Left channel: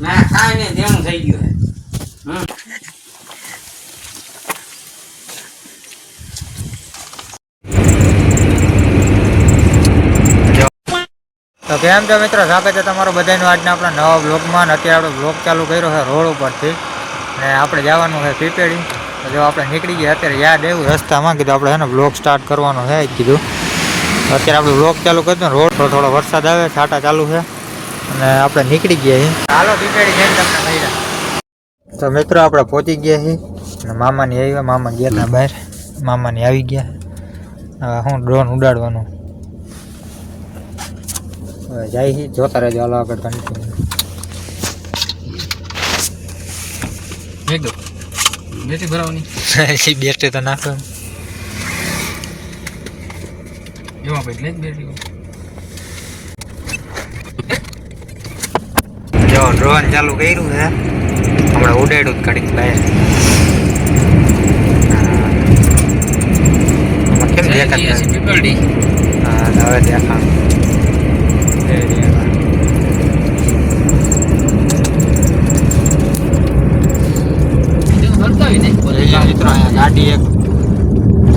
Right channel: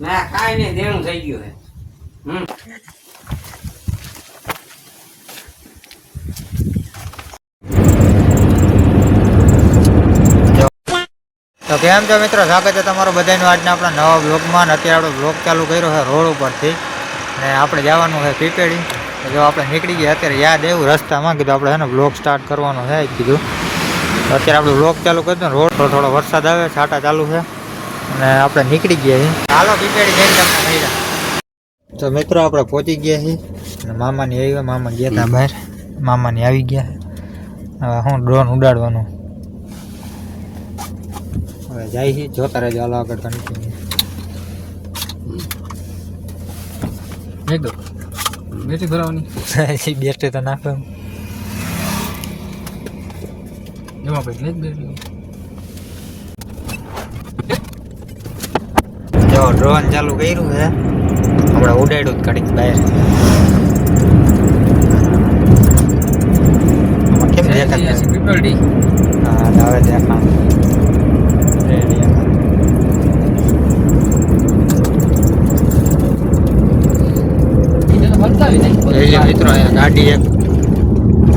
ના ખાય ને દેણું થઈ ગયું હે તો કેમ છો મિત્રો, સ્વાગત છે તમારું બધાનું આજના આપણા નવા બ્લોગમાં. અત્યારે આપણે બ્લોગ ચાલુ કર્યો છે રોડ ઉપરથી અને આપણે જવાનું છે પીપેડી. તો જો આપણે નીકળી ગયા, અત્યારે યાદ આવ્યું રસ્તામાં, કીધું આપણે છે ને બ્લોગ સ્ટાર્ટ કરવાનો છે કીધું. તો અત્યારે આપણે બ્લોગ ચાલુ કરી દો. રોડ થોડો વરસાદ આવે, છાંટા ચાલુ છે અને આપણે નીકળી ગયા છીએ. હાલો પીપેડી જઈને તમને મળ્યા. તો મિત્રો આપણે પહોંચી ગયા છીએ અને મામાની આવ્યા. મામા ગયા હતા બહાર, મામાની આવી ગયા. હવે હું ડ્રોન ઉડાડવાનું હવે જાય છે, જોતા રહેજો. હાલો આગળ કન્ટિન્યુ. બેટરી ભરાવાની બેટરી તો નાખો એમાં પછી લઈ બેટરી. જો ડ્રોન ચાલુ કર્યું છે, હમણાં ઉડાડ્યું જ ઘડીક બહાર. આમાં કેમ દેખાય? હા હવે દેખાણ મિત્રો. અહીંયા ગાડી એક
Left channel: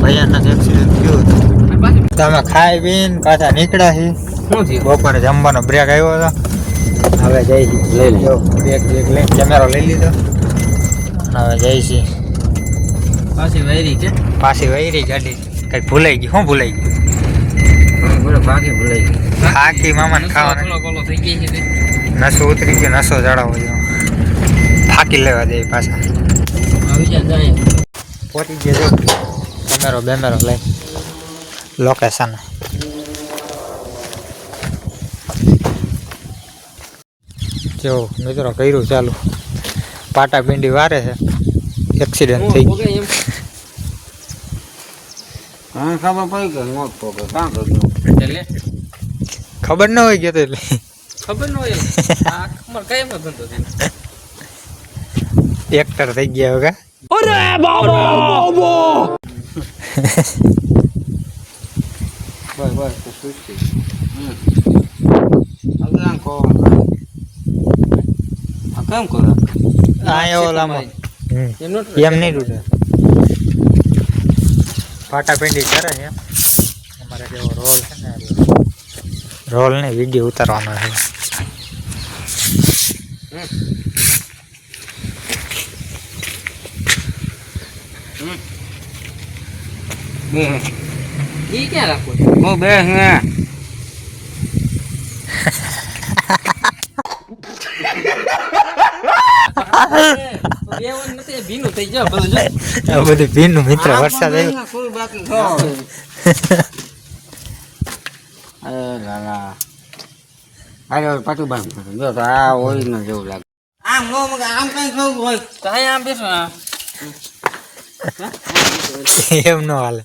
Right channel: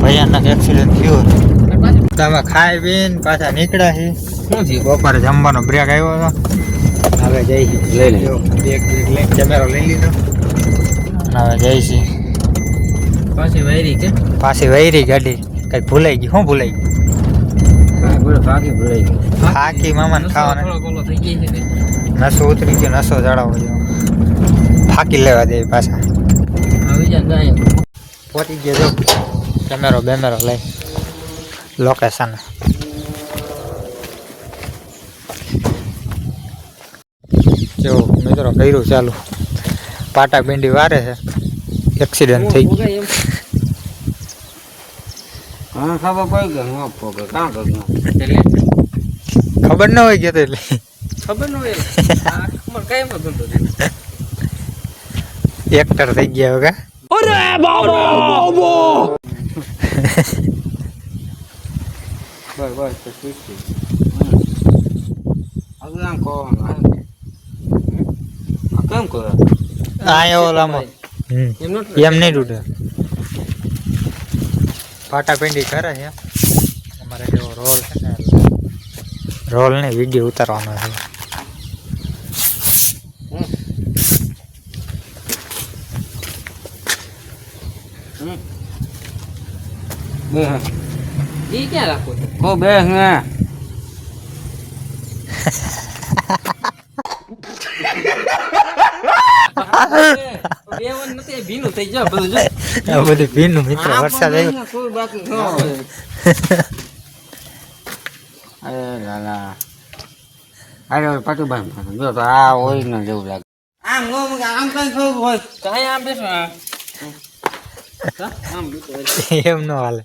ભયાનક એક્સિડન્ટ થયું. તમે ખાઈ પીને પાછા નીકળ્યા છે. શું થયું? બપોરે જમવાનો બ્રેક આવ્યો હતો. હવે જઈ લઈ લીધો બ્રેક લઈ, કેમેરો લઈ લીધો અને હવે જઈ છીએ પાછી વૈરી ગાડી. કઈ ભૂલાઈ ગઈ? શું ભૂલાઈ ગયું? ફાકી મામાને ખાવાના નસો ઉતરી ગયો, નસો ચડાવો જો ફાકી લેવા દે પાછા. પહોંચી ગયો જો કેમેરો બેમેરો લઈ લોકેશન. જો મિત્રો કર્યું ચાલુ, પાટા પિંડી વારે છે, એક્સિડન્ટ થઈ ગયું. ખબર ન હોય ગયો એટલે ખબર ન હોય એક્ટર થઈ ગયા હવે. એમ નહીં તૂટે. પાટા પિંડી કરે છે અમારે. જેવો રોલ છે ને, રોલ ને વિડીયો ઉતારવાનો છે. ક્યાં રાખો બે ભીનું થઈ જાય બધું ભીનું. મિત્રો વરસાદ આવ્યો. પાછું જો તો આ હોય ને જેવું લાગે. આમ આમ કઈ થયું હોય તો આમ બેસો. એમ નો હાલે.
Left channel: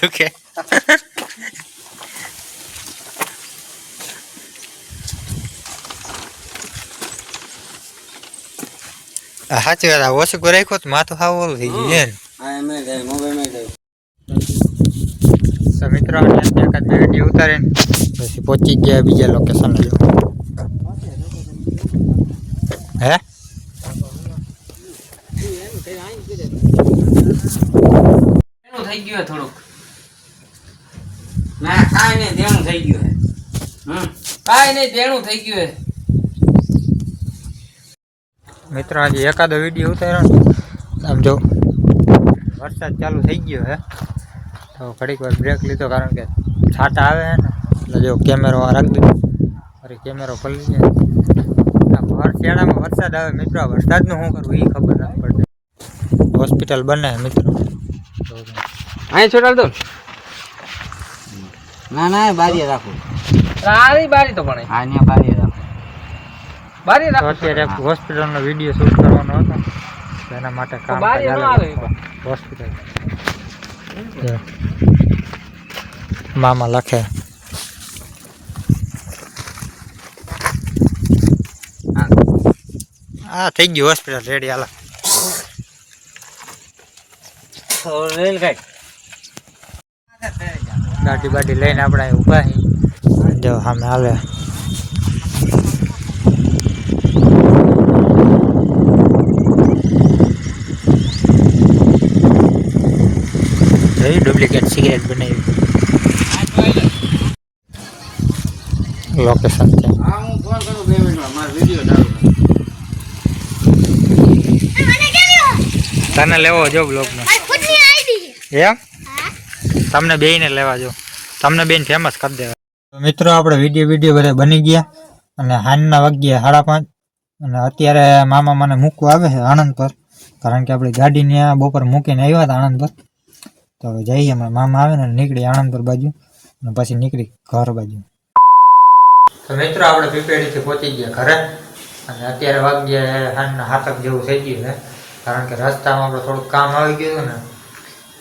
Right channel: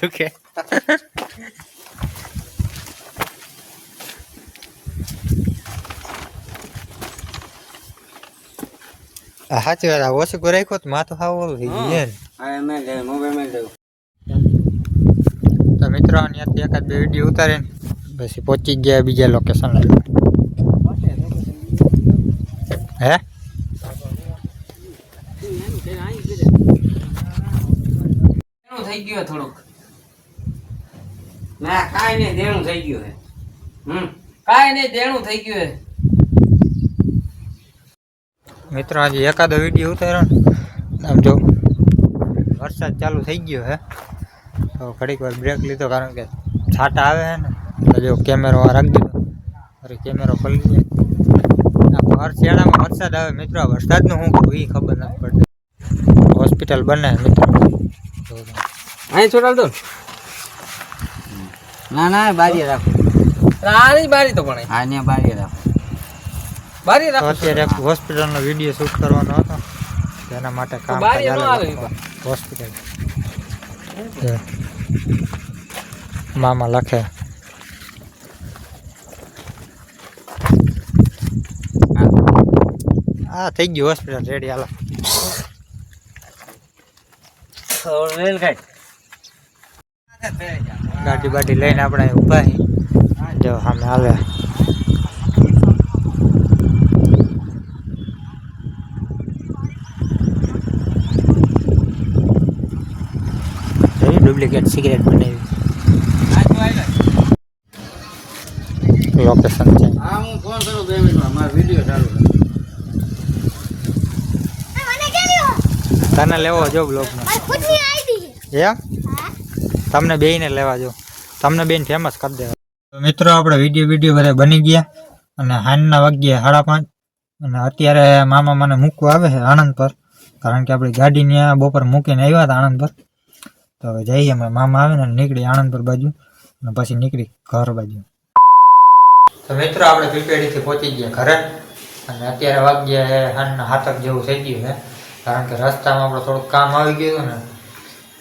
દુખે સાચી વાત. ઓછું રાખ્યો તો માથું ખાવ ઓલું થઈ ગયું. તો મિત્રો એકાદ બે વિડીયો ઉતારીને પછી પહોંચી ગયા બીજા લોકેશન. હે થઈ ગયું થોડુંક. ના કાંઈ નહીં, દેણું થઈ ગયું હે. કાંઈ નહીં, દેણું થઈ ગયું હે. મિત્રો આજે એકાદો વિડીયો ઉતાર્યો ને, આમ જો વરસાદ ચાલુ થઈ ગયો હે તો ઘડીક વાર બ્રેક લીધો, કારણ કે છાંટા આવે છે ને. તો જો કેમેરો રાખી દીધો, અરે કેમેરો ખોલી જાય. હર શિયાળામાં વરસાદ આવે મિત્રો. વરસાદનું શું કરવું એ ખબર નથી પડતી. હોસ્પિટલ બને મિત્રો. અહીં છોડાલ દો. ના બારી રાખો. બારી તો પણ હા બારી રાખો. અત્યારે હોસ્પિટલનો વિડીયો શૂટ કરવાનો હતો, એના માટે કામ ચાલે. હોસ્પિટલ મામા લખે હા થઈ ગયું હોસ્પિટલ રેડી હાલો ગાડી બાડી લઈને આપણે અહીં ઊભા છીએ જો સામે હાલે ડુપ્લિકેટ સિગરેટ બનાવી લોકેશન છે હા હું ફોન કરું 2 મિનિટમાં મારો વિડિયો ચાલુ તને લેવો જો બ્લોગમાં એમ તમને બેયને લેવા જો તમને બેન ફેમસ કરી દેવા મિત્રો આપણે વિડીયો બધા બની ગયા અને હાનના વાગ્યા 5:30 અને અત્યારે મામા મને મૂકવા આવે છે આણંદ પર કારણ કે આપણી ગાડી ત્યાં બપોર મૂકીને આવ્યા હતા આણંદ પર તો હવે જઈએ અમે મામા આવે ને નીકળી આણંદ પર બાજુ અને પછી નીકળી ઘર બાજુ તો મિત્રો આપણે પીપેડીથી પહોંચી ગયા ઘરે અને અત્યારે વાગ્યા હાનના 7 જેવું થઈ ગયું છે કારણ કે રસ્તામાં આપણે થોડુંક કામ આવી ગયું ને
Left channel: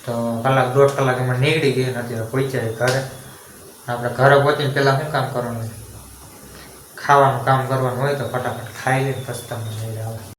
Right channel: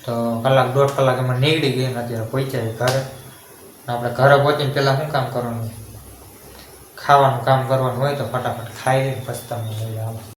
તો કલાક 1.5 કલાક અમે નીકળી ગઈ ને અત્યારે પહોંચ્યા ઘરે આપણે ઘરે પહોંચીને પહેલાં શું કામ કરવાનું હોય ખાવાનું કામ કરવાનું હોય તો ફટાફટ ખાઈ લઈને પછી તમને લઈ આવે